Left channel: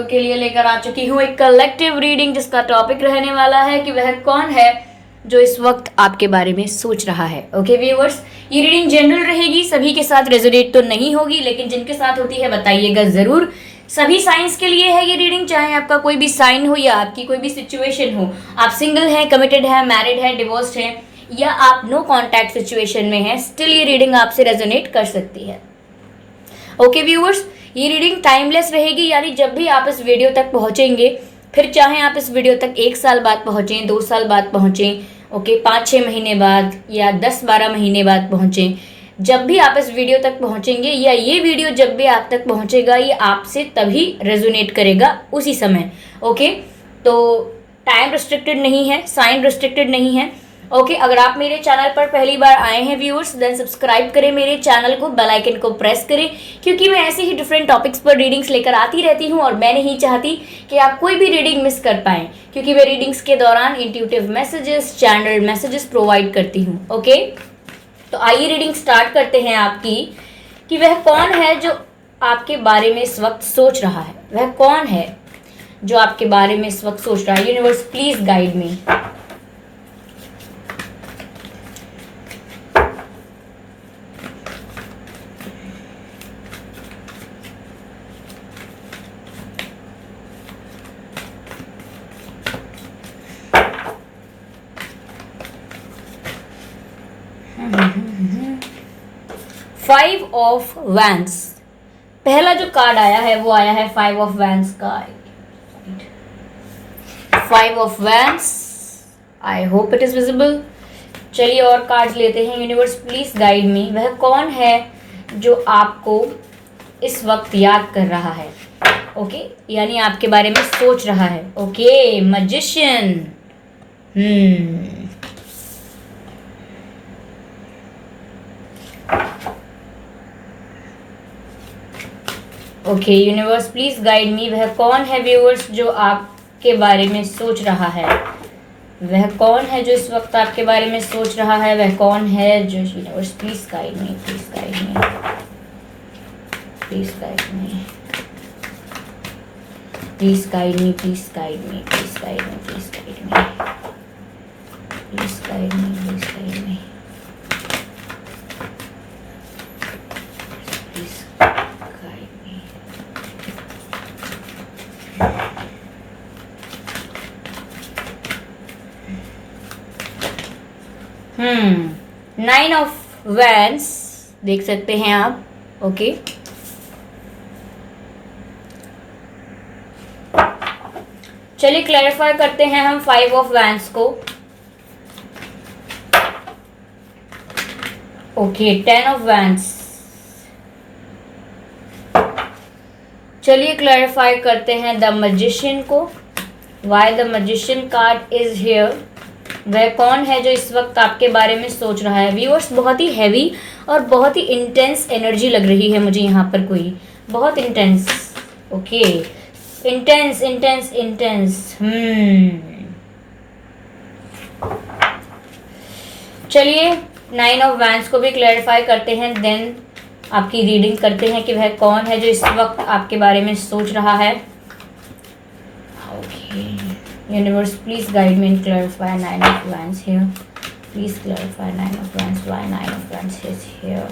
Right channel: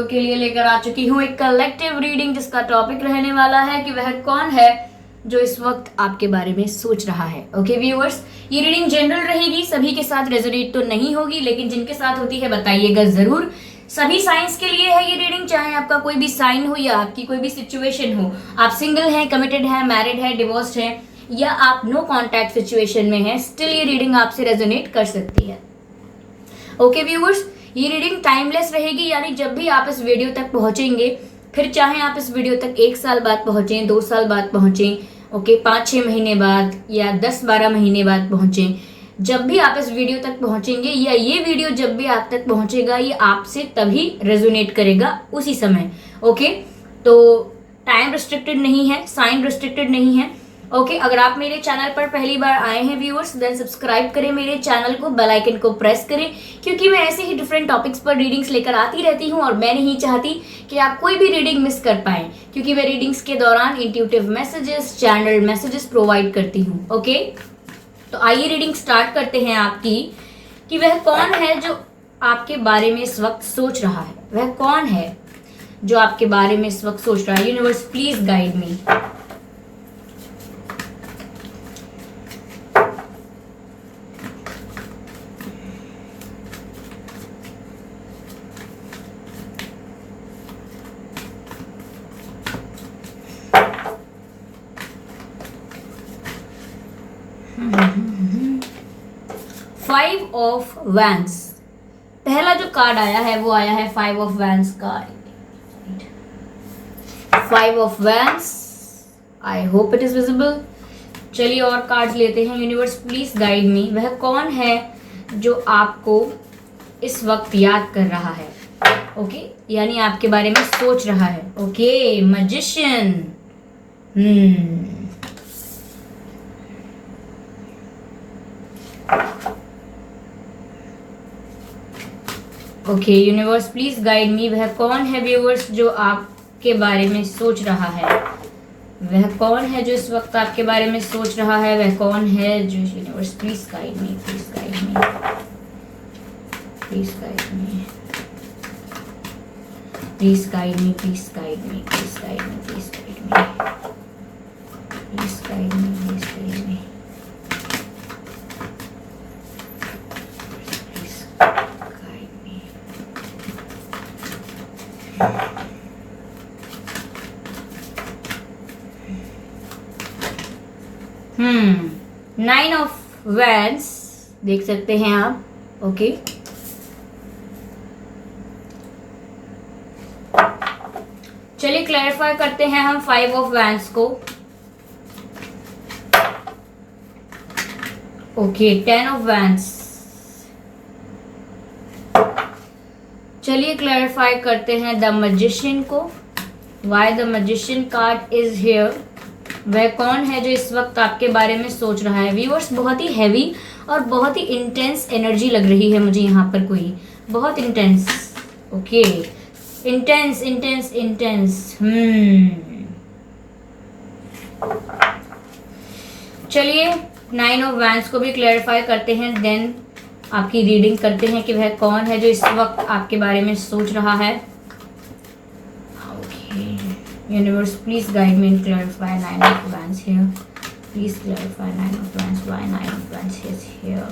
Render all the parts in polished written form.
लोगों के लिए लेकर आ चुकी हूँ एक कलेक्टिव रीडिंग, जिसका टॉपिक रहने वाला है कि वह कौन है जो इस वक्त आपके बारे में सोच रहा है। ओके व्यूअर्स, ये रीडिंग जनरल रहेगी, सभी के साथ रेजोनेट तो नहीं होगी, लेकिन जिनके साथ होती है बताइएगा जरूर। सभी साइंस के लिए है ये रीडिंग, चाहे आपका कोई भी साइन हो या आपकी कोई भी सिचुएशन हो। आप सिंगल हैं, कमिटेड है, मैरिड है, डिवोर्स्ड है, या आप नो कॉन्टैक्ट सिचुएशन में हैं, स्टिल ये रीडिंग आपसे रेजोनेट कर सकती है। ओके व्यूअर्स, ये रीडिंग टाइमलेस रहेगी, यानी जब भी आप इस वीडियो तक पहुंचेंगे, फिर चाहे आप इस वीडियो तक 1 साल बाद पहुंचें, 2 साल बाद पहुंचें, ओके 5-6 महीने बाद या 10-12 महीने बाद पहुंचें, जब भी आप इस वीडियो तक पहुंचेंगे या ये वीडियो जब भी आप तक पहुंचेगा, ये आपसे तभी रेजोनेट करेगा उसी समय। ओके, तो टाइम रिस्ट्रिक्टेड नहीं है, साइन रिस्ट्रिक्टेड नहीं है। ओके, अगर आप मेरे चैनल पर पहली बार आए हैं व्यूअर्स, देन सब्सक्राइब करें मेरे चैनल को, बेल आइकन को प्रेस करें, क्योंकि मैं ऐसे ही डिफरेंट टॉपिक्स पर रीडिंग्स लेकर आती रहती हूं और मैं नहीं चाहती कि आप कोई भी रीडिंग मिस कर पाएं, क्योंकि मैं रीडिंग्स के दौरान intuitive messages, channel messages provide करती हूँ। ओके, तो आइए रीडिंग स्टार्ट करते हैं आपकी कि वह कौन है जो आपके बारे में इस वक्त सोच रहा है। वह कौन है जो आपके बारे में इस वक्त सोच रहा है। Universe please guide me. Five of vents, पहला जो कार्ड आया है वो आया है 5 ऑफ वैंस का। 5 of vents, I hope it is visible. चलिए और कार्ड्स लेते हैं। यूनिवर्स प्लीज गाइड मी, वह कौन है जो आपको इस वक्त याद कर रहा है। ओके, यानी आपके बारे में सोच रहा है। Okay, magician. Okay universe please guide me, वह कौन है व्यूअर्स जो आपके बारे में सोच रहा है। वह कौन है जो इस वक्त आपके बारे में सोच रहा है। वह कौन है जो, universe please guide me, please guide me, please guide me, please guide me, please guide me, please guide me, please guide me, please guide me, please guide me, nine of vents देख सकते हैं आप। Okay, चलिए clarify करते हैं हम 5 of vents को। Okay, 10 of vents. चलिए क्लैरिफाई करते हैं द मैजिशियन को। Why the magician card is here. वह कौन है जो इस वक्त आपके बारे में सोच रहा है। व्यूअर्स, बहुत ही हैवी और बहुत ही इंटेंस एनर्जी लग रही है मुझे यहाँ पर, कोई बहुत intense. Okay, intense intense intense. चलिए 9 ऑफ वैंस को भी क्लैरिफाई करते हैं, देन आपकी रीडिंग करते हैं कि वह कौन है जो इस वक्त आपके बारे में सोच रहा है। Universe, please guide me and clarify 9 of Wands here. Please clarify 9 of Wands. Why 9 of Wands is here?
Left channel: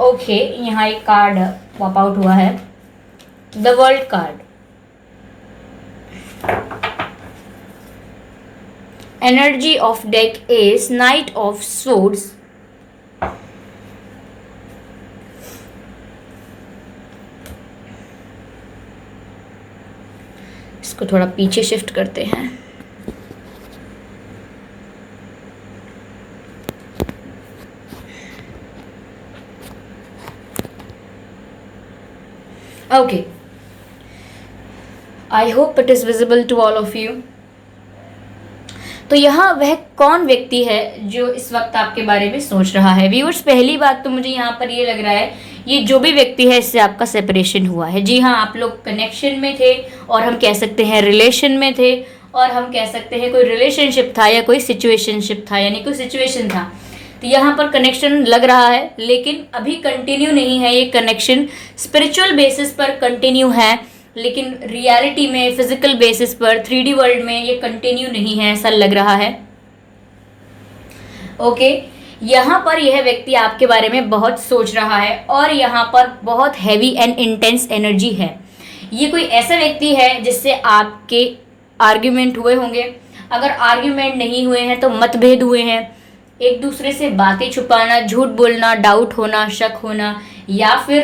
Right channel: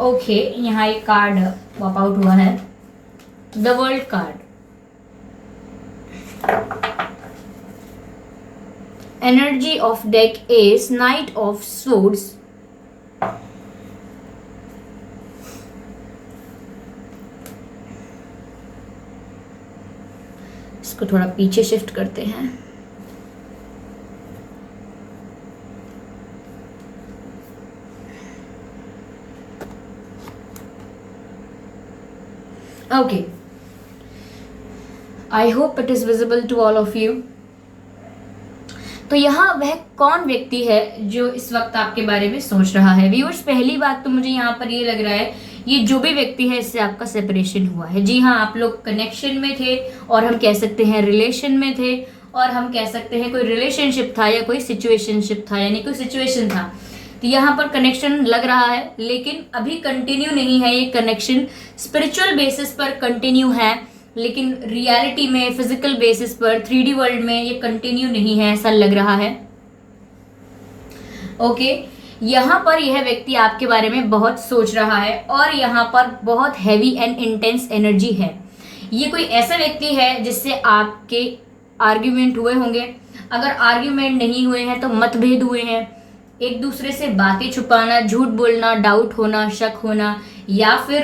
Okay, यहाँ एक कार्ड पॉप आउट हुआ है, the world card. Energy of deck is knight of swords. इसको थोड़ा पीछे shift करते हैं। Okay, I hope it is visible to all of you. तो यहाँ वह कौन व्यक्ति है जो इस वक्त आपके बारे में सोच रहा है। व्यूअर्स, पहली बात तो मुझे यहाँ पर ये लग रहा है, ये जो भी व्यक्ति है इससे आपका सेपरेशन हुआ है। जी हाँ, आप लोग कनेक्शन में थे, और हम कह सकते हैं रिलेशन में थे, और हम कह सकते हैं कोई रिलेशनशिप था या कोई सिचुएशनशिप था, यानी कोई सिचुएशन था। तो यहाँ पर कनेक्शन लग रहा है, लेकिन अभी कंटिन्यू नहीं है ये कनेक्शन। स्पिरिचुअल बेसिस पर कंटिन्यू है, लेकिन रियलिटी में फिजिकल बेसिस पर 3D वर्ल्ड में ये कंटिन्यू नहीं है, ऐसा लग रहा है। ओके, यहाँ पर यह व्यक्ति आपके बारे में बहुत सोच रहा है और यहाँ पर बहुत हैवी एंड इंटेंस एनर्जी है। ये कोई ऐसा व्यक्ति है जिससे आपके आर्ग्यूमेंट हुए होंगे। अगर आर्ग्यूमेंट नहीं हुए हैं तो मतभेद हुए हैं, एक दूसरे से बातें छुपाना, झूठ बोलना, डाउट होना, शक होना, या फिर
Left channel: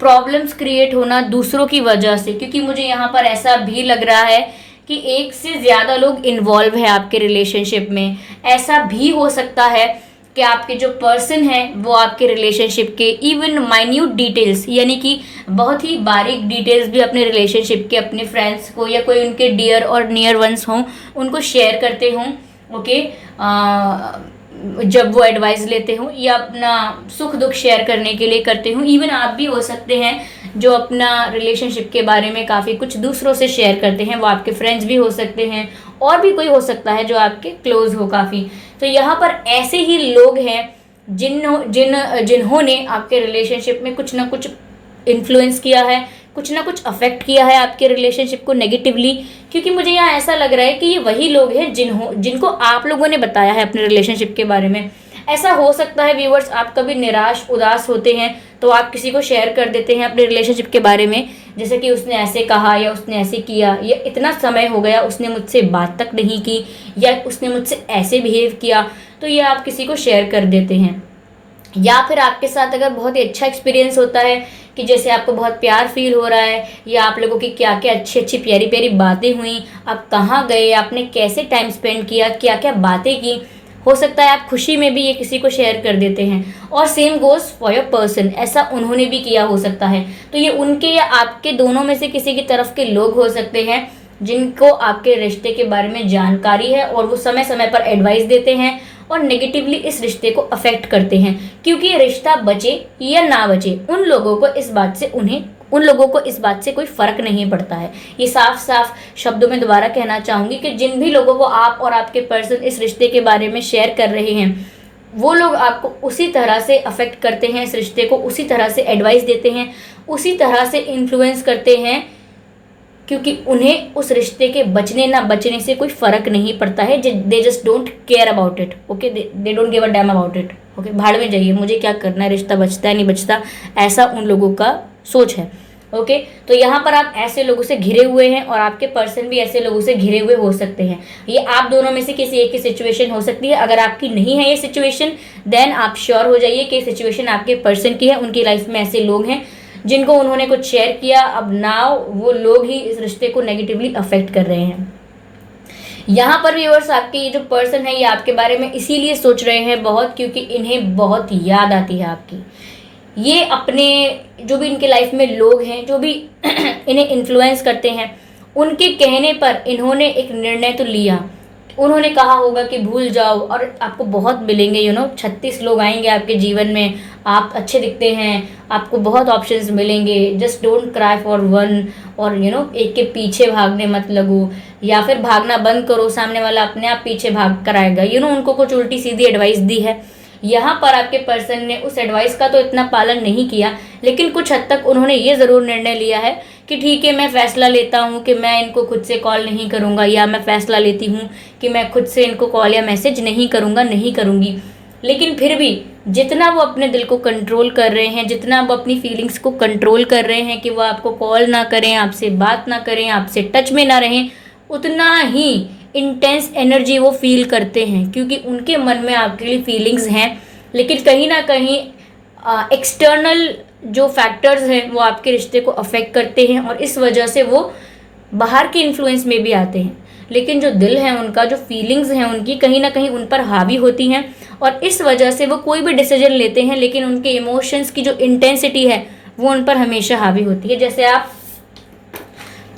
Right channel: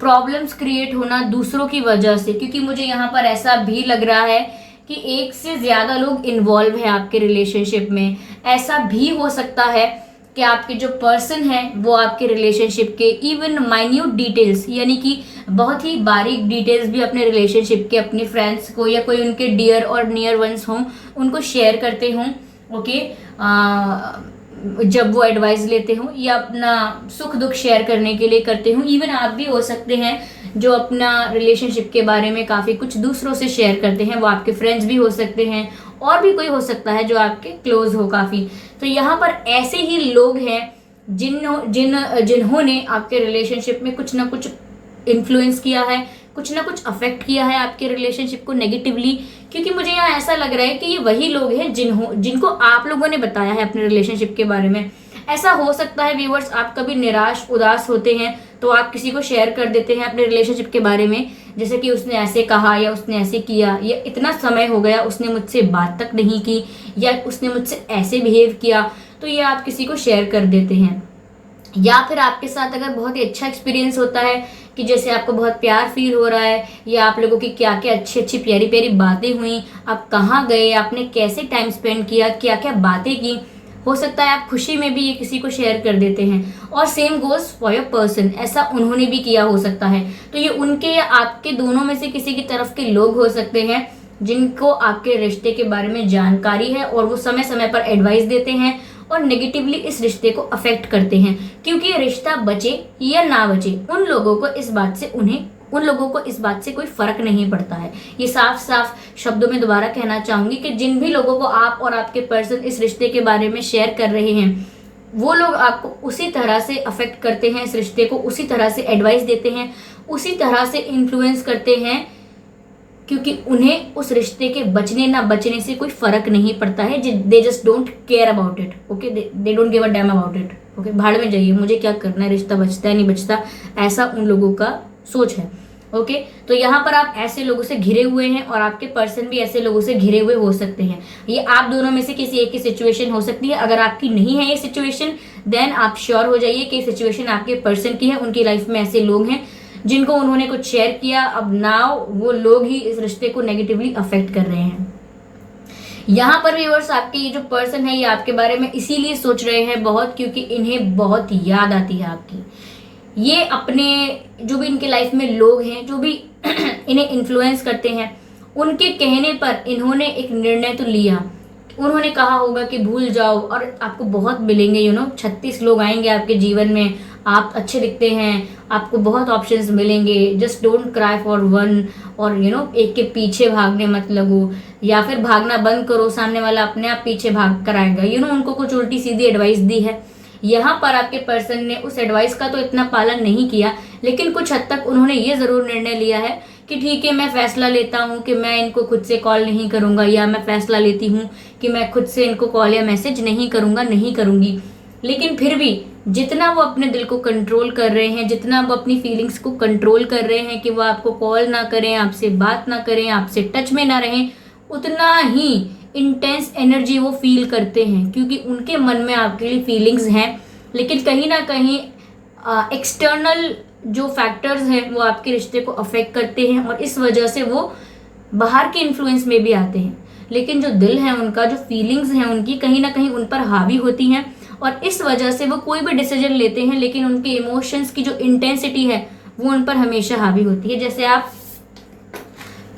प्रॉब्लम्स क्रिएट होना दूसरों की वजह से। क्योंकि मुझे यहाँ पर ऐसा भी लग रहा है कि एक से ज़्यादा लोग इन्वॉल्व है आपके रिलेशनशिप में। ऐसा भी हो सकता है कि आपके जो पर्सन हैं वो आपके रिलेशनशिप के इवन माइन्यूट डिटेल्स, यानी कि बहुत ही बारीक डिटेल्स भी अपने रिलेशनशिप के अपने फ्रेंड्स को या कोई उनके डियर और नियर वंस हों उनको शेयर करते हों। ओके, जब वो एडवाइस लेते हों या अपना सुख दुख शेयर करने के लिए करते हों। इवन आप भी हो सकते हैं जो अपना रिलेशनशिप के बारे में काफ़ी कुछ दूसरों से शेयर करते हैं, वो आपके फ्रेंड्स भी हो सकते हैं और भी कोई हो सकता है जो आपके क्लोज हो काफ़ी। तो यहाँ पर ऐसे ही लोग हैं जिन्होंने आपके रिलेशनशिप में कुछ ना कुछ इन्फ्लुएंस किया है, कुछ ना कुछ अफेक्ट किया है आपके रिलेशनशिप को नेगेटिवली। क्योंकि मुझे यहाँ ऐसा लग रहा है कि ये वही लोग हैं जिनको आप लोगों ने बताया है अपने रिलेशनशिप के बारे में। ऐसा हो सकता है व्यूअर्स, आप कभी निराश उदास होते हैं तो आप किसी को शेयर कर देते हैं अपने रिलेशनशिप के बारे में, जैसे कि उसने ऐसे कहा या उसने ऐसे किया या इतना समय हो गया उसने मुझसे बात तक नहीं की या उसने मुझसे ऐसे बिहेव किया, तो ये आप किसी को शेयर कर देते हैं। या फिर आपके साथ अगर बहुत ही अच्छा एक्सपीरियंस होता है कि जैसे आपको बहुत प्यार फील हो रहा है या आप लोगों की क्या क्या अच्छी अच्छी प्यारी प्यारी बातें हुई, आप कहाँ गए, आपने कैसे टाइम स्पेंड किया, क्या क्या बातें की, हो सकता है आप खुशी में भी ये किसी को शेयर कर देते हैं। और same goes for your person, ऐसा उन्होंने भी किया हो सकता है। तो ये उनके या आपके दोनों में से किसी की तरफ के लोग हो सकते हैं जिनको आपके रिश्ते के बारे में जानकारी है और वो समय समय पर एडवाइस देते हैं और नेगेटिवली इस रिश्ते को अफेक्ट करते हैं। क्योंकि ये रिश्ता बचे या ना बचे, उन लोगों को इस बात से कोई फर्क नहीं पड़ता है। ये साफ साफ शब्दों में दोबारा कहना चाहूंगी कि जिन भी लोगों को आप और आपके पर्सन इस रिश्ते के बारे में शेयर कर रहे हैं, वो लोग आपको उसी तरह से अफेक्ट करते हैं, इस रिश्ते को उसी तरह से एडवाइस देते हैं, उसी तरह से इन्फ्लुएंस करते हैं, क्योंकि उन्हें उस रिश्ते के बचने ना बचने से कोई फर्क नहीं पड़ता है। They just don't care about it. Okay, they don't give a damn about it. Okay, भाड़ में जाइए, मुझे क्या करना है, रिश्ता बचता है नहीं बचता, ऐसा उन लोगों का सोच है। ओके, तो यहाँ पर आप ऐसे लोगों से घिरे हुए हैं और आपके पर्सन भी ऐसे लोगों से घिरे हुए हो सकते हैं। ये आप दोनों में से किसी एक की सिचुएशन हो सकती है। अगर आपकी नहीं है ये सिचुएशन, देन आप श्योर हो जाइए कि सिचुएशन आपके पर्सन की है। उनकी लाइफ में ऐसे लोग हैं जिनको उन्होंने कुछ शेयर किया, अब नाउ वो लोग ही इस रिश्ते को नेगेटिवली अफेक्ट कर रहे हैं। यहाँ पर व्यूअर्स, आपके ये जो पर्सन है ये आपके बारे में इसीलिए सोच रहे हैं बहुत, क्योंकि इन्हें बहुत याद आती है आपकी। ये अपने जो भी इनके लाइफ में लोग हैं, जो भी इन्हें इन्फ्लुएंस करते हैं, उनके कहने पर इन्होंने एक निर्णय तो लिया। उन्होंने कहा होगा कि भूल जाओ और आपको बहुत मिलेंगे, 36 लोग आएंगे आपके जीवन में, आप अच्छे दिखते हैं, आपको बहुत ऑप्शंस मिलेंगे, just don't cry for one, और एक के पीछे भागने मत लगो, या फिर भागना बंद करो, सामने वाला अपने आप पीछे भाग कर आएगा। उनको कुछ उल्टी सीधी एडवाइस दी है। यहाँ पर आपके पर्सन ने उस एडवाइस का तो इतना पालन नहीं किया, लेकिन कुछ हद तक उन्होंने ये ज़रूर निर्णय लिया है कि ठीक है, मैं फैसला लेता हूँ कि मैं इनको खुद से कॉल नहीं करूँगा, या मैं फैसला लेती हूँ कि मैं खुद से इनको कॉल या मैसेज नहीं करूँगी। लेकिन फिर भी जितना वो अपने दिल को कंट्रोल कर रहे हैं, जितना वो अपनी फीलिंग्स को कंट्रोल कर रहे हैं कि वो आपको कॉल ना करें, आपसे बात ना करें, आपसे टच में ना रहें, उतना ही इंटेंस एनर्जी वो फील करते हैं, क्योंकि उनके मन में आपके लिए फीलिंग्स हैं। लेकिन कहीं ना कहीं एक्सटर्नल जो फैक्टर्स हैं वो आपके रिश्ते को अफेक्ट करते हैं और इस वजह से वो बाहर की इन्फ्लुएंस में भी आते हैं। लेकिन जो दिल है उनका, जो फीलिंग्स हैं उनकी, कहीं ना कहीं उन पर हावी होती हैं और इस वजह से वो कोई भी डिसीजन लेते हैं, लेकिन उनके इमोशंस की जो इंटेंसिटी है वो उन पर हमेशा हावी होती है। जैसे आप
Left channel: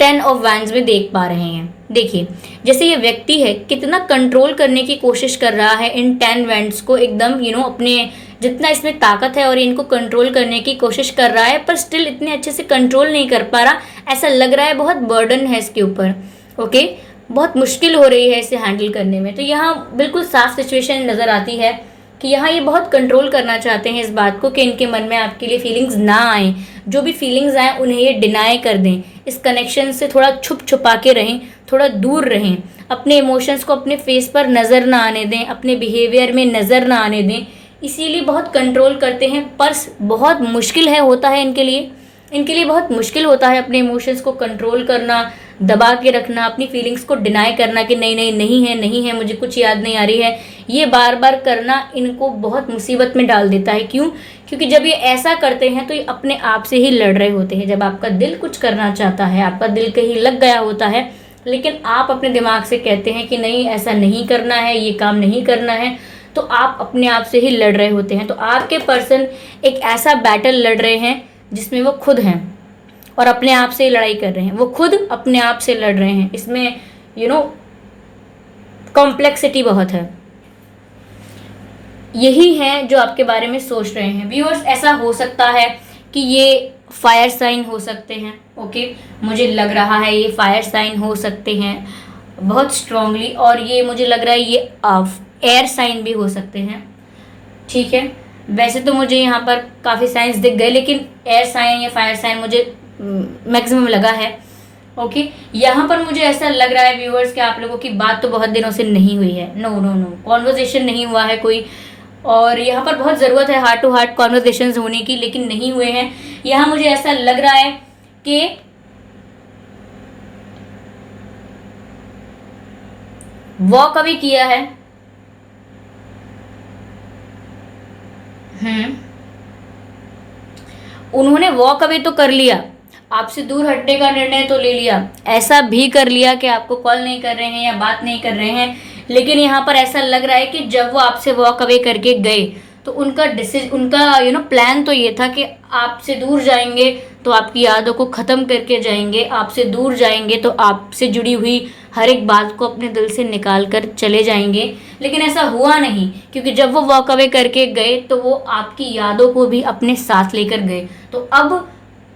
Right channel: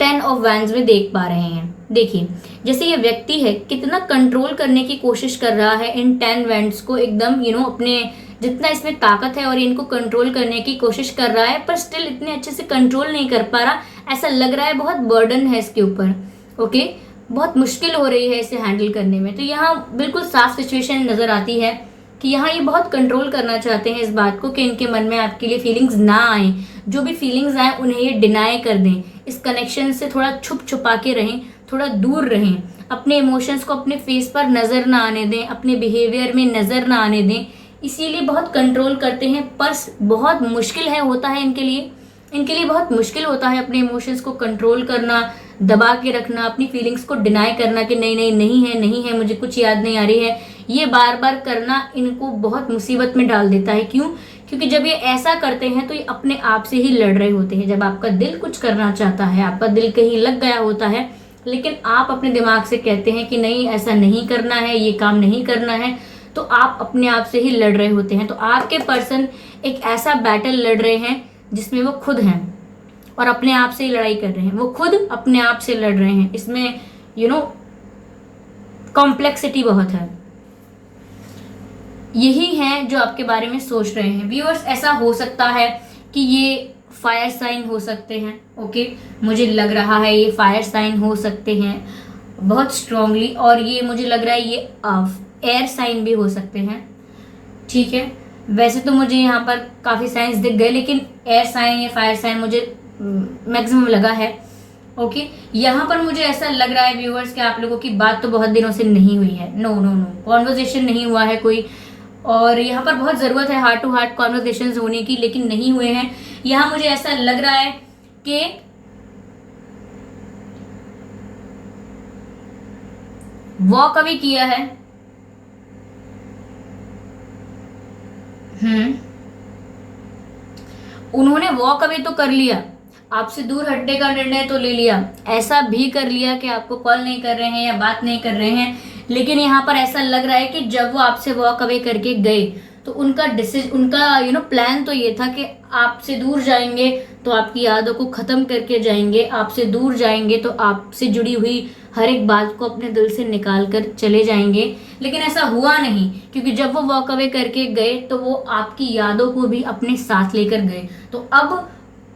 10 ऑफ वैंड्स में देख पा रहे हैं। देखिए, जैसे ये व्यक्ति है कितना कंट्रोल करने की कोशिश कर रहा है इन 10 वैंड्स को, एकदम अपने जितना इसमें ताकत है और इनको कंट्रोल करने की कोशिश कर रहा है, पर स्टिल इतने अच्छे से कंट्रोल नहीं कर पा रहा। ऐसा लग रहा है बहुत बर्डन है इसके ऊपर। ओके, बहुत मुश्किल हो रही है इसे हैंडल करने में। तो यहाँ बिल्कुल साफ सिचुएशन नज़र आती है कि यहाँ ये बहुत कंट्रोल करना चाहते हैं इस बात को कि इनके मन में आपके लिए फीलिंग्स ना आए, जो भी फीलिंग्स आए उन्हें ये डिनाई कर दें, इस कनेक्शन से थोड़ा छुप छुपा के रहें, थोड़ा दूर रहें, अपने इमोशंस को अपने फेस पर नज़र ना आने दें, अपने बिहेवियर में नज़र ना आने दें, इसीलिए बहुत कंट्रोल करते हैं। पर बहुत मुश्किल है होता है इनके लिए बहुत मुश्किल होता है अपने इमोशंस को कंट्रोल करना, दबा के रखना, अपनी फीलिंग्स को डिनाई करना कि नहीं नहीं नहीं है, मुझे कुछ याद नहीं आ रही है। ये बार बार करना इनको बहुत मुसीबत में डाल देता है। क्यों? क्योंकि जब ये ऐसा करते हैं तो ये अपने आप से ही लड़ रहे होते हैं। जब आपका दिल कुछ करना चाहता है, आपका दिल कहीं लग गया होता है, लेकिन आप अपने दिमाग से कहते हैं कि नहीं ऐसा नहीं करना है, ये काम नहीं करना है, तो आप अपने आप से ही लड़ रहे होते हैं। तो आपके पर्सन एक ऐसा बैटल लड़ रहे हैं जिसमें वो खुद हैं और अपने आप से लड़ाई कर रहे हैं, वो खुद अपने आप से लड़ रहे हैं। इसमें कॉम्प्लेक्सिटी बहुत है। यही है जो आपके बारे में सोच रहे हैं व्यूअर्स। ऐसा हो सकता है कि ये फायर साइन हो सकते हैं। ओके, मुझे लग रहा है ये फायर साइन हो सकते हैं बहुत स्ट्रांगली, और ये मुझे लग रहा है ये एयर साइन भी हो सकते हैं। ठीक है, वैसे तो मुझे यहाँ पर काफ़ी साइंस दिख गए, लेकिन एयर साइन या फायर साइन मुझे मैक्सिमम लगा है। ओके, यहाँ पर मुझे ऐसा लग रहा है व्यूअर्स कि आप लोगों की बात तो बहुत दिनों से नहीं हुई है। नो नो नो, कॉन्वर्जेशन नहीं हुआ है कोई, और यहाँ पर बहुत ज़रूरत है हार्ट टू हार्ट कॉन्वर्जेशन होने की, लेकिन नहीं हुए हैं। यहाँ मुझे ऐसा लग रहा है कि वॉक अवे किया है। उन्होंने वॉक अवे तो कर लिया, आपसे दूर हटने का निर्णय तो ले लिया, ऐसा भी कर लिया कि आपको कॉल नहीं कर रहे हैं या बात नहीं कर रहे हैं, लेकिन यहाँ पर ऐसा लग रहा है कि जब वो आपसे वॉक अवे करके गए तो उनका प्लान तो ये था कि आपसे दूर जाएंगे तो आपकी यादों को ख़त्म करके जाएंगे, आपसे दूर जाएंगे तो आपसे जुड़ी हुई हर एक बात को अपने दिल से निकाल कर चले जाएंगे। लेकिन ऐसा हुआ नहीं, क्योंकि जब वो वॉक अवे करके गए तो वो आपकी यादों को भी अपने साथ लेकर गए। तो अब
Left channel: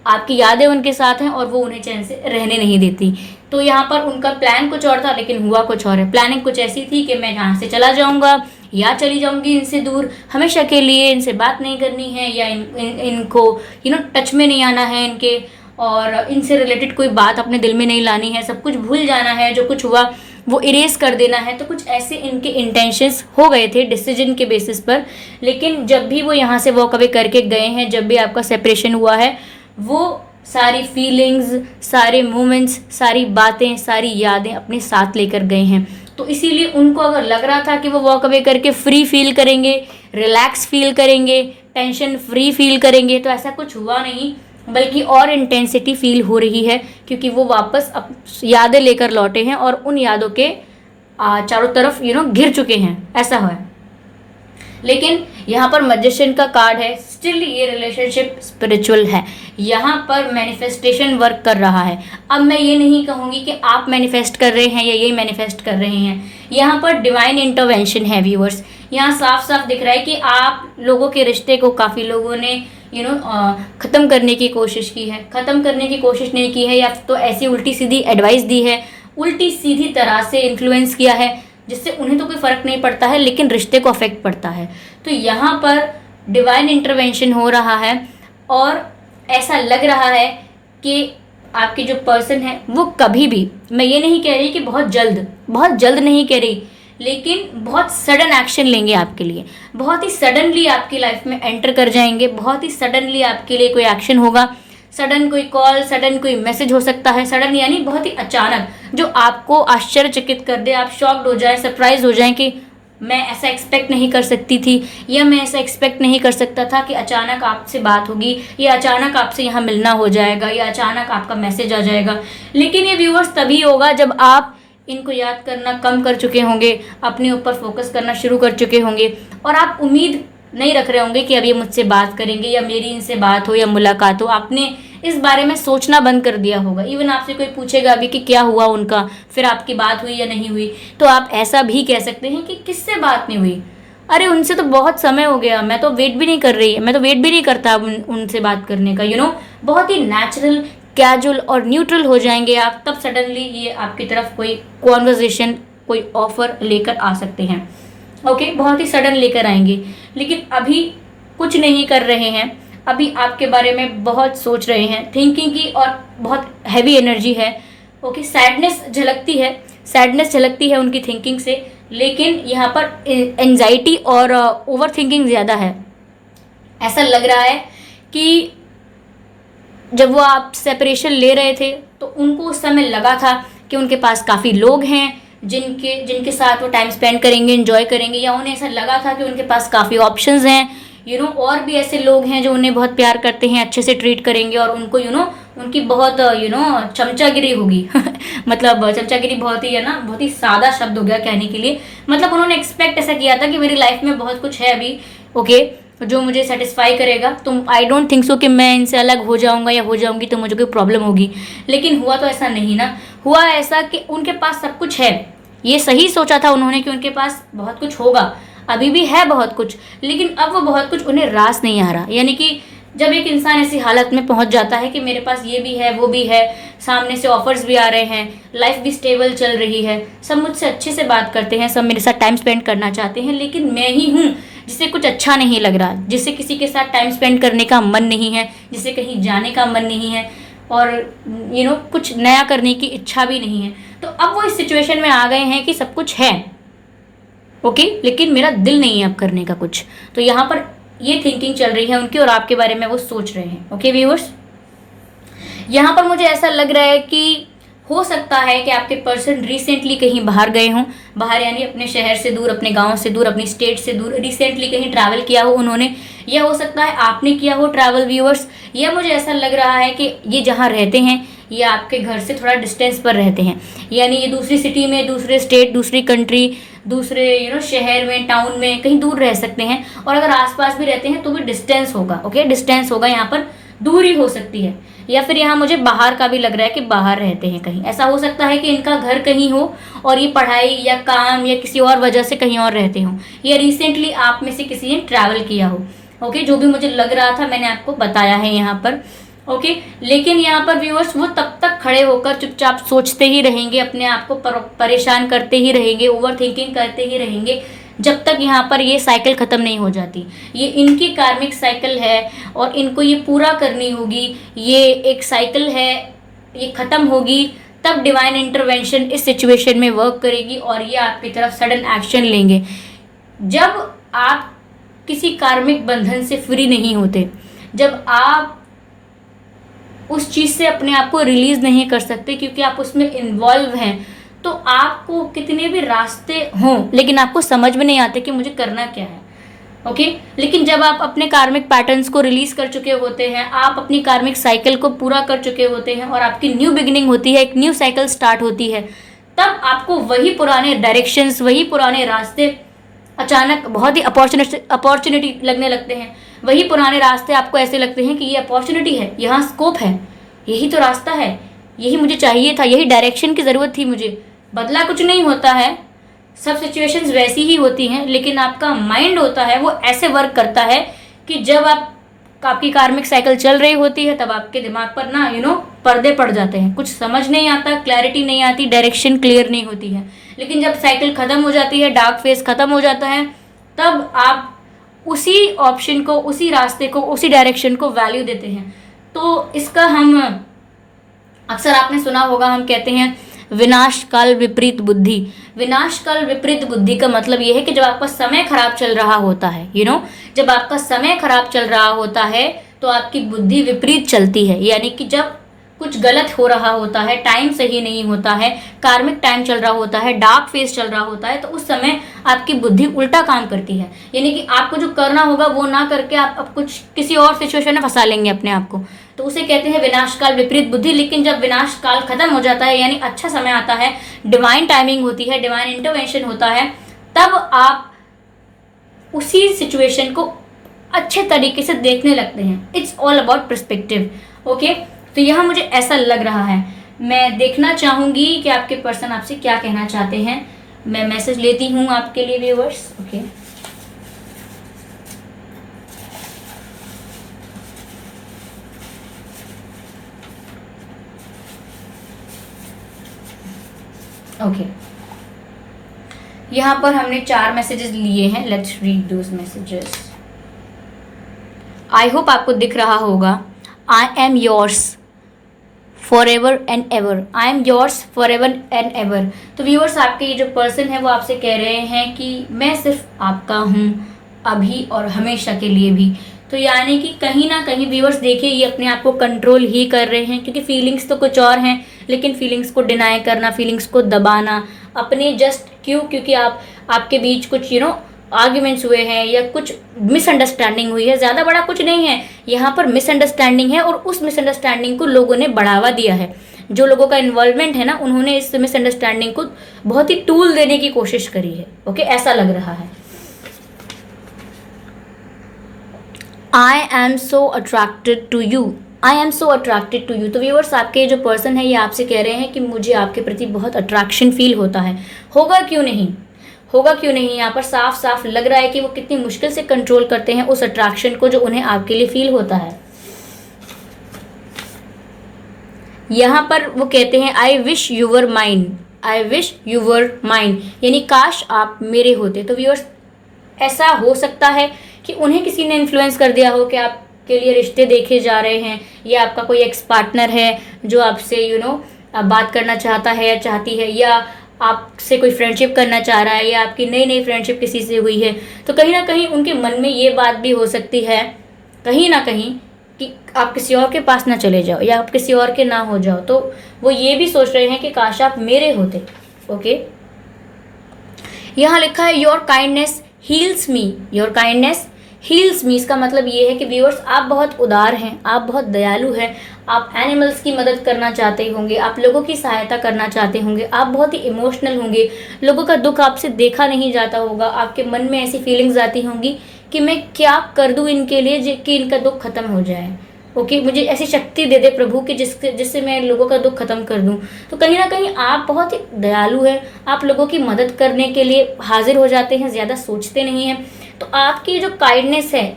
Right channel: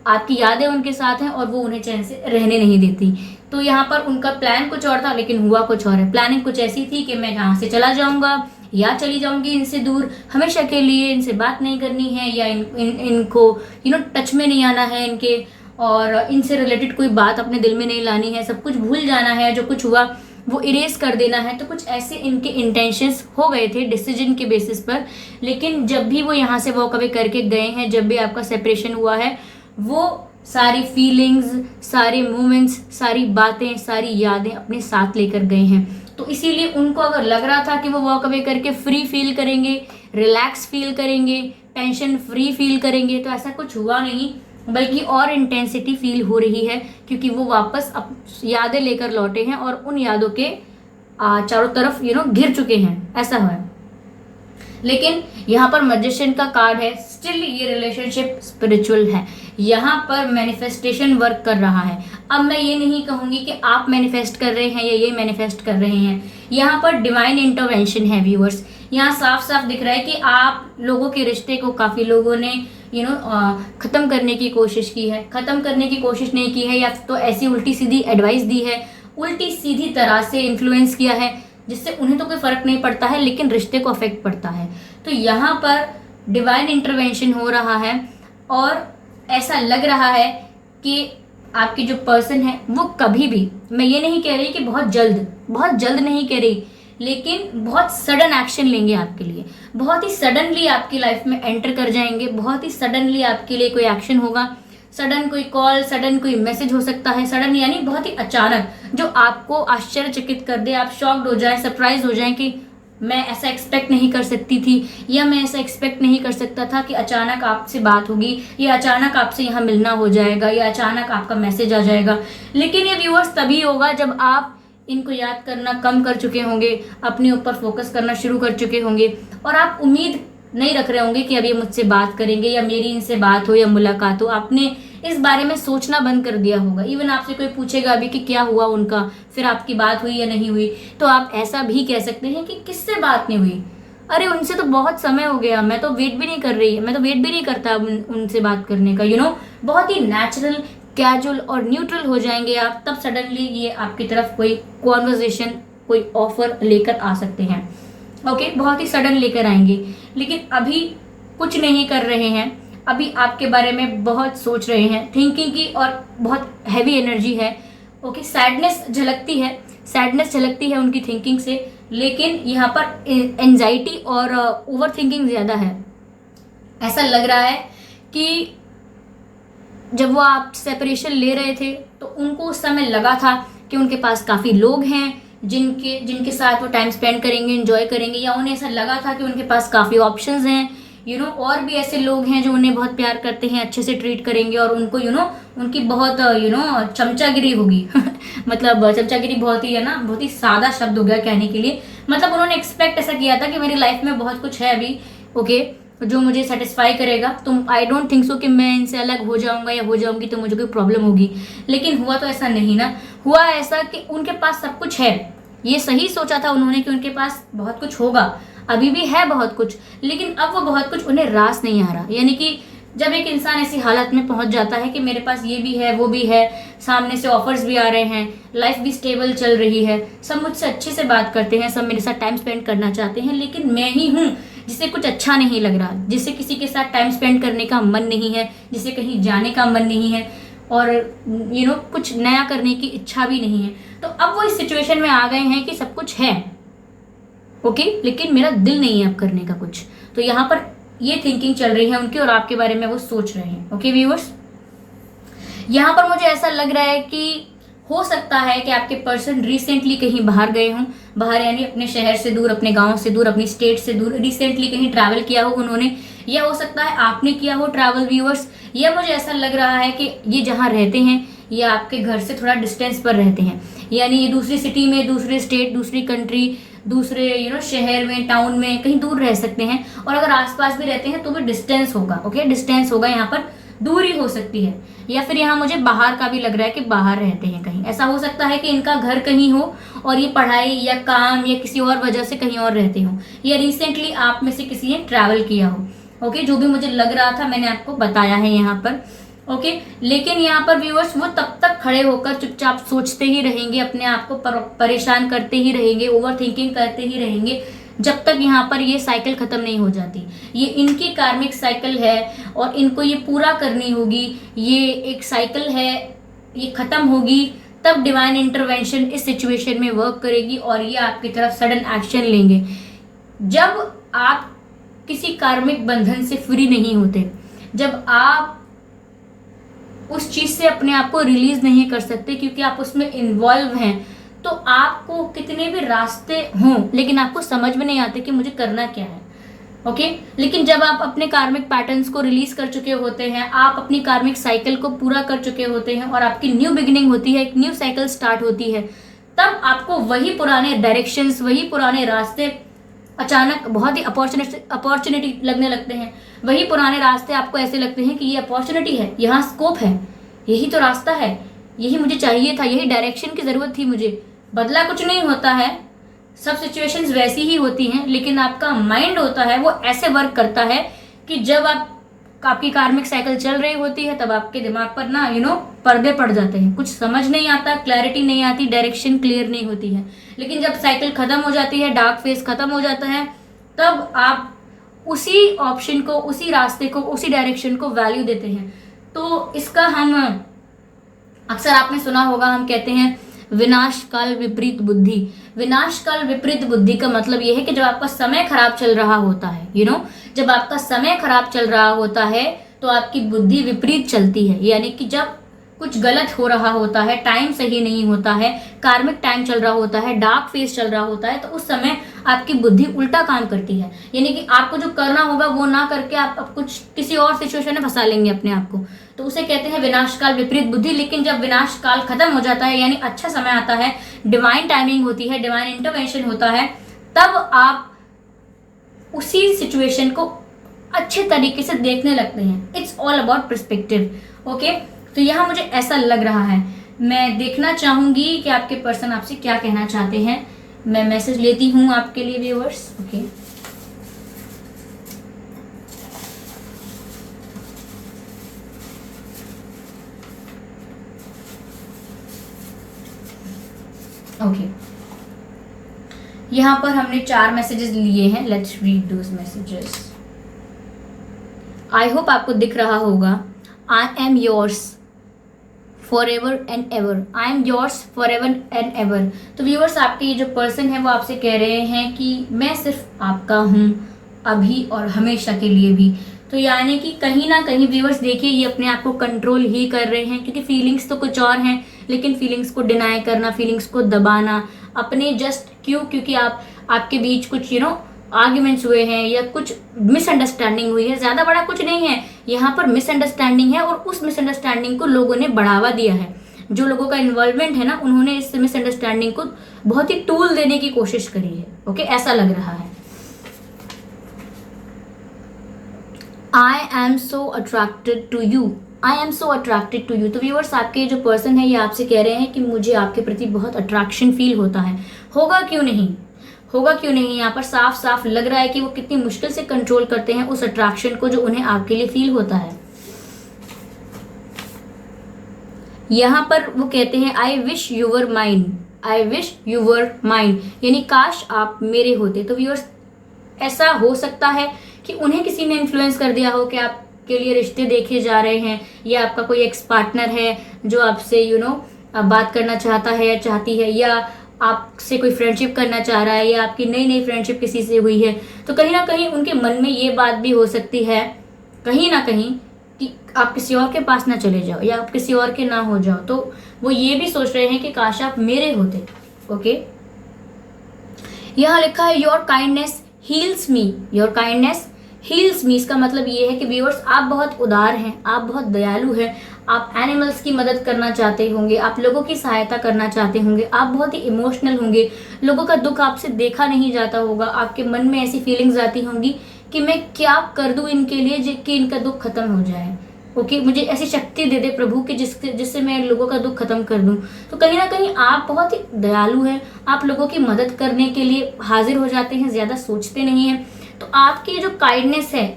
आपकी यादें उनके साथ हैं और वो उन्हें चैन से रहने नहीं देती। तो यहाँ पर उनका प्लान कुछ और था, लेकिन हुआ कुछ और है। प्लानिंग कुछ ऐसी थी कि मैं यहाँ से चला जाऊँगा या चली जाऊँगी इनसे दूर हमेशा के लिए, इनसे बात नहीं करनी है, या इनको टच में नहीं आना है इनके, और इनसे रिलेटेड कोई बात अपने दिल में नहीं लानी है, सब कुछ भूल जाना है, जो कुछ हुआ वो इरेज कर देना है। तो कुछ ऐसे इनके इंटेंशंस हो गए थे डिसीजन के बेसिस पर। लेकिन जब भी वो यहाँ से वॉक अवे करके गए हैं, जब भी आपका सेपरेशन हुआ है, वो सारी फीलिंग्स, सारे मोमेंट्स, सारी बातें, सारी यादें अपने साथ लेकर गए हैं। तो इसीलिए उनको अगर लग रहा था कि वो वॉक अवे करके फ्री फील करेंगे, रिलैक्स फील करेंगे, टेंशन फ्री फील करेंगे, तो ऐसा कुछ हुआ नहीं, बल्कि और इंटेंसिटी फील हो रही है, क्योंकि वो वापस यादें लेकर लौटे हैं और उन यादों के चारों तरफ घिर चुके हैं, ऐसा है। लेकिन यहाँ पर मैजिशियन का कार्ड है, स्टिल ये रिलेशनशिप स्पिरिचुअल है, यहाँ पर मैनिफेस्टेशन वर्क कर रहा है। अब मैं ये नहीं कहूँगी कि आप मैनिफेस्ट कर रहे हैं या ये मैनिफेस्ट कर रहे हैं, यहाँ पर डिवाइन इंटरवेंशन है व्यूअर्स। यहाँ साफ साफ दिख रहा है कि आप लोगों के रिश्ते को काफ़ी लोगों ने ख़त्म करने की कोशिश की है, ख़त्म करने की कोशिश नहीं की है, या तो ऐसी उल्टी सीधी एडवाइस दी है, उल्टी सीधी तरह से इन्फ्लुएंस किया है, जिससे उन्हें तो कोई फ़र्क नहीं पड़ता है, लेकिन रिश्ते को अफेक्ट पड़ता है। तो यहाँ पर डिवाइन इंटरवेंशन हो रहा है, और ऐसा लग रहा है कि आपके जो पर्सन है वो कभी भी, मैं ये नहीं कह रही कि बहुत जल्द नहीं कह रही, लेकिन बहुत सडन एक्शन लेंगे आपके लिए, बहुत ही सडनली आपकी लाइफ में एंटर कर जाएंगे, बहुत ही सडनली आपके लिए कोई एक्शन होगा, सडन कोई कॉल, सडन कोई मैसेज हो सकता है, सडन यानी बहुत ही अचानक, जो आपको आश्चर्यचकित कर दे, आप शॉक्ड हो जाएं, सरप्राइज हो जाएं कि मैं ऐसा एक्सपेक्ट नहीं कर सकती थी, या मैं ऐसा एक्सपेक्ट नहीं कर सकता था कि अचानक आपसे बात होगी, या अचानक आपसे यहाँ मिलना हो जाएगा, या अचानक आपका मैसेज आ जाएगा। लेकिन ये व्यूअर्स तभी होगा जब आप इनको याद करना कम कर चुके होंगे, अपने ऊपर फोकस करना शुरू कर चुके होंगे, और आप उम्मीद नहीं रख रहे होंगे कि अब ये मुझसे बात करेंगे या मेरी इनसे बात हो या मुलाकात हो। आपने इस बारे में सोचना बंद कर दिया होगा। इवन आपसे कोई पूछेगा अभी कि क्या हुआ उनका, फिर आपकी बात हुई या नहीं हुई, तो आप ऐसा भी कह सकते हैं कि किससे बात नहीं हुई, अरे उनसे तो बहुत समय हो गया, मैं तो वेट भी नहीं कर रही, मैं तो वेट भी नहीं करता उनसे बात करने का। बहुत ही नेचुरल, कैजुअल और न्यूट्रल हो जाएंगे आप, तब सडनली ये आपकी तरफ कोई कॉन्वर्जेशन, कोई ऑफर लेकर आ सकते हैं। ओके, बहुत ही सडन लेकर आएंगे, लेकिन अभी कुछ नहीं कर रहे हैं, अभी आपके बारे में बहुत सोच रहे हैं, थिंकिंग की और बहुत हैवी एनर्जी है। ओके, सैडनेस झलकती है उनकी थिंकिंग से, लेकिन यहाँ पर एंजाइटी और ओवर थिंकिंग ज़्यादा है। ऐसा लग रहा है कि जब वो आप सेपरेशन ले रहे थे तो उनको उस समय लगा था कि उनके पास काफ़ी लोग हैं जिनके साथ वो टाइम स्पेंड करेंगे, एंजॉय करेंगे, या उन्हें ऐसा लगा था कि उनके पास काफ़ी ऑप्शंस हैं, और भी ऐसे लोग हैं जो उन्हें बहुत प्यार करते हैं, अच्छे से ट्रीट करेंगे और उनको उनकी बहुत चमचागिरी होगी मतलब चमचागिरी बहुत ही है ना, बहुत ही सादा शब्द हो गया कहने के लिए, मतलब उन्होंने एक्सपेक्ट ऐसा किया था कि मेरी लाइफ में बहुत कुछ है अभी, ओके, जो मुझे सेटिस्फाई करेगा, तो आई डोंट थिंक सो कि मैं इनसे अलग हो जाऊंगा या हो जाऊंगी तो मुझे कोई प्रॉब्लम होगी। लेकिन हुआ तो ऐसा नहीं ना, हुआ ऐसा कि उनके पास सब कुछ है। ये सही सोचा था उन्होंने कि उनके पास बहुत कुछ होगा, अभी भी है बहुत कुछ, लेकिन अब वो बहुत कुछ उन्हें रास नहीं आ रहा। यानी कि जब एक इंसान ऐसी हालत में पहुंच जाता है कि मेरे पास ये भी है, वो भी है, सामने से ऑफर्स भी आ रहे हैं, लाइफ भी स्टेबल चल रही है, सब मुझसे अच्छे से बात करते हैं, सब मेरे साथ टाइम स्पेंड करना चाहते हैं, लेकिन मैं ही हूँ जिसे कुछ अच्छा नहीं लग रहा, जिसे किसी के साथ टाइम स्पेंड करने का मन नहीं है, जिसे कहीं जाने का मन नहीं है, और कुछ नया करने की इच्छा भी नहीं है। तो अब वो इस सिचुएशन में आ गए हैं कि सब कुछ है, ओके, लेकिन मेरा दिल नहीं है अब करने का कुछ। तो यहाँ पर ये थिंकिंग चल रही है उनकी और आपके बारे में वो सोच रहे हैं। ओके व्यूअर्स, यहाँ पर मुझे ऐसा लग रहा है कि हो सकता है कि आपके पर्सन रिसेंटली कहीं बाहर गए हों, बाहर यानी अपने शहर से दूर, अपने गांव से दूर, अपनी स्टेट से दूर, रिसेंटली कहीं ट्रैवल किया हो उन्होंने, या हो सकता है आपने किया हो ट्रैवल व्यूअर्स। या मुझे ऐसा लग रहा है कि ये जहाँ रहते हैं ये आपके घर से थोड़ा डिस्टेंस पर रहते हैं, यानी ये दूसरी सिटी में, दूसरे स्टेट, दूसरी कंट्री, दूसरे शहर में, टाउन में कहीं दूर रह सकते हैं, और अगर आसपास भी रहते हैं तो भी डिस्टेंस होगा। ओके, डिस्टेंस होगा, यहाँ पर दूरी हो सकती है। या फिर यहाँ मुझे बाहर का भी लग रहा है कि बाहर रहते हैं कहीं, ऐसा हो सकता है कि इनका घर कहीं हो और ये पढ़ाई या काम या किसी और वजह से कहीं और रहते हो, या रिसेंटली आप में से किसी ने ट्रैवल किया हो। ओके, जो भी मुझे लग रहा था मैंने आपको बताया है यहाँ पर। ओके, लेकिन यहाँ पर व्यूअर्स वो तब तक खड़े होकर चुपचाप सोचते ही रहेंगे, अपने आप को परेशान करते ही रहेंगे, ओवर थिंकिंग करते ही रहेंगे, जब तक यहाँ पर ये साइकिल खत्म नहीं हो जाती। ये इनकी कार्मिक साइकिल है और इनको ये पूरा करनी होगी। ये एक साइकिल है, ये खत्म होगी तब डिवाइन इंटरवेंशन इस सिचुएशन में वर्क करेगी और ये आपकी तरफ सडन एक्शन लेंगे। जब आप किसी कार्मिक बंधन से फ्री नहीं होते, जब आप उस चीज से अपने आप को रिलीज नहीं कर सकते क्योंकि आप उसमें इन्वॉल्व हैं, तो आपको कितने भी रास्ते हों लेकिन आपको समझ में नहीं आते कि मुझे करना क्या है। ओके, लेकिन जब आप अपने कार्मिक पैटर्न्स को रिलीज कर चुके होते हैं, आप अपनी कार्मिक साइकिल को पूरा कर चुके होते हैं और आपकी न्यू बिगिनिंग होती है, एक न्यू साइकिल स्टार्ट होती है, तब आपको वही पुराने डायरेक्शंस, वही पुराने रास्ते अचानक बहुत ही अपॉर्चुनिटी लगने लगते हैं। वही पुराने रास्ते आपको ऐसे लगते हैं कि ये अपॉर्चुनिटी है, यहाँ स्कोप है, यही तो रास्ता है, यही मुझे चाहिए था, यही डायरेक्शन की ज़रूरत थी मुझे। बदला कुछ नहीं होता है, सब सिचुएशंस वैसी ही होती हैं, लेकिन आपका माइंड होता है वो ऐसे वर्क करता है कि जब आपकी कार्मिक साइकिल चल रही होती है तब आपके दिमाग पर ना पर्दे पड़ जाते हैं, कुछ समझ नहीं आता, क्लैरिटी नहीं आती, डायरेक्शन क्लियर नहीं होती है। लेकिन जब साइकिल खत्म हो जाती है, डार्क फेज खत्म हो जाता है, तब आप उसी ऑप्शन को, उसी रास्ते को, उसी डायरेक्शन को वैल्यू देते हैं। तो इसका हम अक्सर आपने सुना होगा, हम कहते हैं विनाश काल विपरीत बुद्धि। विनाश काल विपरीत बुद्धि का मतलब यह है कि जब आपका समय खराब चल रहा होता है, जब आपका समय खराब चल रहा होता है तो आपकी बुद्धि विपरीत चलती है। यानी कि जब कुछ गलत हो रहा होता है, टाइम सही नहीं होता है, कार्मिक टाइम चल रहा होता है, डार्क फेज चल रहा होता है, तो उस समय आपकी बुद्धि उल्टा काम करती है। यानी कि आपको जो करना होगा वो ना करके आप कुछ किसी और सिचुएशन में फंसा लेंगे अपने आप को, तो उसे कहते हैं विनाश काल विपरीत बुद्धि। लेकिन जब विनाश काल खत्म हो जाता है, यानी अच्छा समय आता है, डिवाइन टाइमिंग होती है, डिवाइन इंटरवेंशन होता है, तब आप उसी सिचुएशन को अच्छे तरीके से देखने लगते हैं। It's all about perspective. Okay, तो यहाँ मुझे ऐसा लग रहा है, मैं देखना चाहूंगी कि आपके पर्सन आपसे क्या कहना चाहते हैं। मैं मैसेज लेती हूँ आपके लिए व्यूअर्स। ओके, ओके, यहाँ पर हमने 4 मैसेजेस लिए हैं, let's read those messages. I hope आपको दिख रहा होगा। I am yours for ever and ever, I am yours for ever and ever. तो व्यूअर्स, आपके ये जो पर्सन है वो आपसे कह रहे हैं कि मैं सिर्फ आपका हूँ अभी और हमेशा के लिए भी। तो यानी कि कहीं ना कहीं व्यूअर्स देखिए, ये अपने आप को कंट्रोल ही कर रहे हैं, क्योंकि फीलिंग्स तो कुछ और हैं, लेकिन फीलिंग्स को डिनाई करना, फीलिंग्स को दबाना अपने जस्ट क्योंकि आपके बीच कुछ आर्ग्यूमेंट्स हुए हैं या कुछ मिसअंडरस्टैंडिंग हुई है, ज़्यादा बड़ा कुछ नहीं है, यहाँ पर मिसअंडरस्टैंडिंग है और उस मिसअंडरस्टैंडिंग को लोगों ने बढ़ावा दिया है। जो लोगों का इन्वॉल्वमेंट है ना, उन्होंने इस मिसअंडरस्टैंडिंग को बहुत ही टूल देने की कोशिश करी है। ओके, ऐसा लग रहा है। I am so attracted to you, I am so attracted to you. तो व्यूअर्स, आपके जो पर्सन है ये आपसे कह रहे हैं कि मुझे आपके प्रति बहुत अट्रैक्शन फील होता है। होगा क्यों नहीं, होगा क्यों नहीं। यहाँ पर साफ साफ लग रहा है कि वो कितनी मुश्किल से कंट्रोल करते हैं उस अट्रैक्शन को जो उन्हें आपके लिए फील होता है। यहाँ पर वो कहते हैं I wish you were mine, I wish you were mine, यानी काश आप मेरे होते। तो व्यूअर्स, ऐसा हो सकता है कि उन्हें किसी ने इन्फ्लुएंस कर दिया हो कि आपके लिए रिश्ते देखे जा रहे हैं, या आपका कोई एक्स पार्टनर है जो आपसे बात करना चाहता है या चाहती है, या आपसे कोई फ्रेंडशिप करना चाह रहा है, या आपकी नई नई फ्रेंडशिप किसी से हुई है। तो कहीं ना कहीं उनके मन में ये बात भी हो सकती है कहीं ना कहीं कि आप किसी और के पास ना चले जाओ या आप किसी और के ना हो जाओ। तो वो ये भी सोच रहे हैं कि काश आप मेरे होते। ओके, यहाँ लिखा है your kindness heals me, your kindness heals me. इसका मतलब ये है कि व्यूअर्स, आप बहुत उदार हैं, आप बहुत दयालु हैं, आप एनिमल्स की मदद करना चाहते होंगे, आप लोगों की सहायता करना चाहते होंगे, आप बहुत ही इमोशनल होंगे, लोगों का दुख आपसे देखा नहीं जाता होगा, आपके मन में ऐसी फीलिंग्स आती होंगी कि मैं क्या कर दूं इनके लिए कि इनका दुख खत्म हो जाए। ओके, मुझे ऐसी शक्ति दे दे प्रभु कि जिससे मैं लोगों का दुख खत्म कर दूं। तो कहीं ना कहीं आप बहुत ही दयालु हैं, आप लोगों की मदद करने के लिए हाजिर हो जाते हैं, ज़्यादा सोचते नहीं हैं। तो आपकी जो काइंडनेस है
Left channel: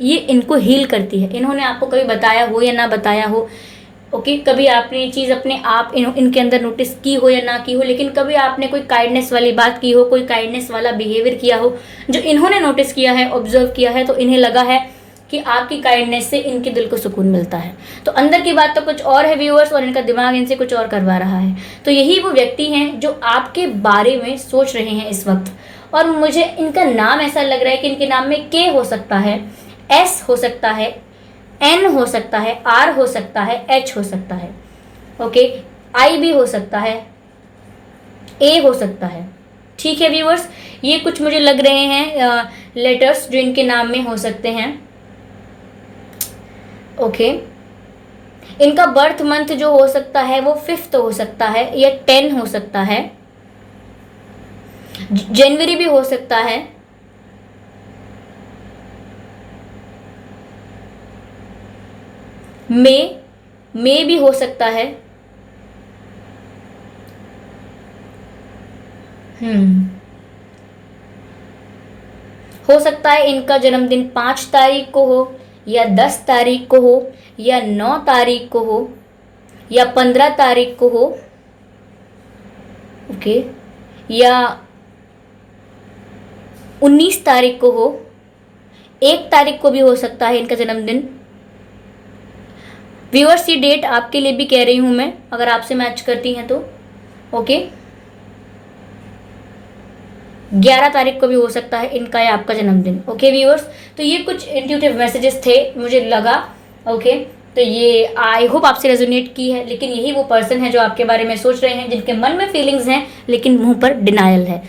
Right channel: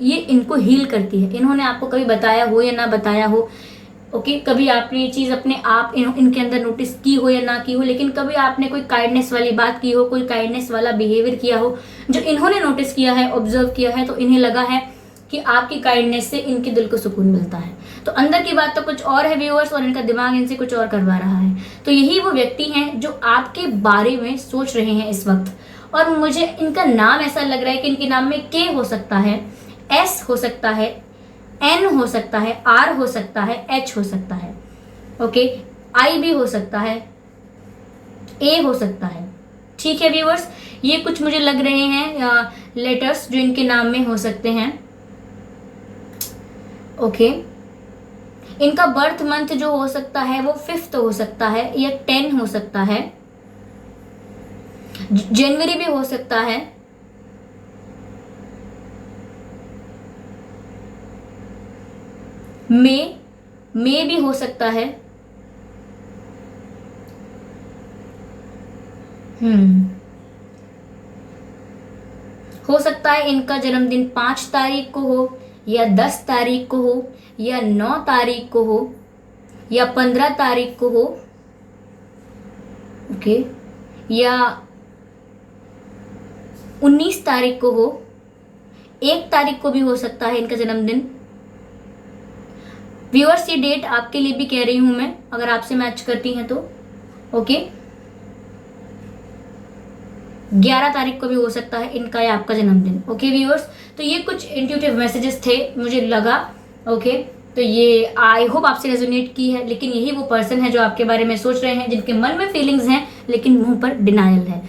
ये इनको हील करती है। इन्होंने आपको कभी बताया हो या ना बताया हो, ओके, कभी आपने ये चीज़ अपने आप इनके अंदर नोटिस की हो या ना की हो, लेकिन कभी आपने कोई काइंडनेस वाली बात की हो, कोई काइंडनेस वाला बिहेवियर किया हो जो इन्होंने नोटिस किया है, ऑब्जर्व किया है, तो इन्हें लगा है कि आपकी काइंडनेस से इनके दिल को सुकून मिलता है। तो अंदर की बात तो कुछ और है व्यूअर्स, और इनका दिमाग इनसे कुछ और करवा रहा है। तो यही वो व्यक्ति हैं जो आपके बारे में सोच रहे हैं इस वक्त। और मुझे इनका नाम ऐसा लग रहा है कि इनके नाम में के हो सकता है, एस हो सकता है, एन हो सकता है, आर हो सकता है, एच हो सकता है, ओके, आई भी हो सकता है, ए हो सकता है। ठीक है व्यूअर्स, ये कुछ मुझे लग रहे हैं लेटर्स जो इनके नाम में हो सकते हैं। ओके, इनका बर्थ मंथ जो हो सकता है वो 5th हो सकता है या 10 हो सकता है, जनवरी भी हो सकता है, मई भी हो सकता है, हो सकता है इनका जन्मदिन 5 तारीख को हो या 10 तारीख को हो या 9 तारीख को हो या 15 तारीख को हो, ओके, या 19 तारीख को हो, 1 तारीख को भी हो सकता है इनका जन्मदिन। व्यूअर्स, ये डेट आपके लिए भी कह रही हूं मैं, अगर आपसे मैच करती हैं तो। ओके, 11 तारीख को भी हो सकता है इनका या आपका जन्मदिन। ओके व्यूअर्स, तो ये कुछ इंट्यूटिव मैसेजेस थे, मुझे लगा। ओके, तो ये आई होप आपसे रेजोनेट की है, लेकिन यही वो पर्सन है जो आपके बारे में सोच रहे हैं, जिनके मन में फीलिंग्स हैं लेकिन मुंह पर डिनायल है।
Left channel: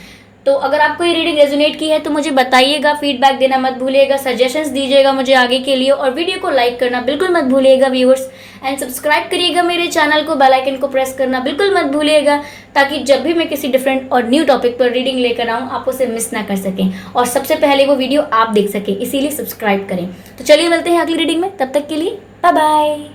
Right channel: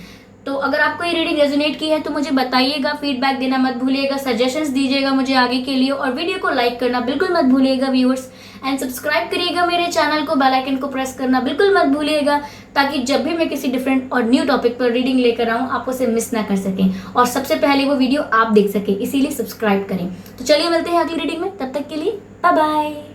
तो अगर आपको ये रीडिंग रेजोनेट की है तो मुझे बताइएगा, फीडबैक देना मत भूलिएगा, सजेशंस दीजिएगा मुझे आगे के लिए, और वीडियो को लाइक करना बिल्कुल मत भूलिएगा व्यूअर्स, एंड सब्सक्राइब करिएगा मेरे चैनल को, बेल आइकन को प्रेस करना बिल्कुल मत भूलिएगा, ताकि जब भी मैं किसी डिफरेंट और न्यू टॉपिक पर रीडिंग लेकर आऊँ आप उसे मिस ना कर सकें और सबसे पहले वो वीडियो आप देख सकें, इसीलिए सब्सक्राइब करें। तो चलिए मिलते हैं अगली रीडिंग में, तब तक के लिए बाय बाय।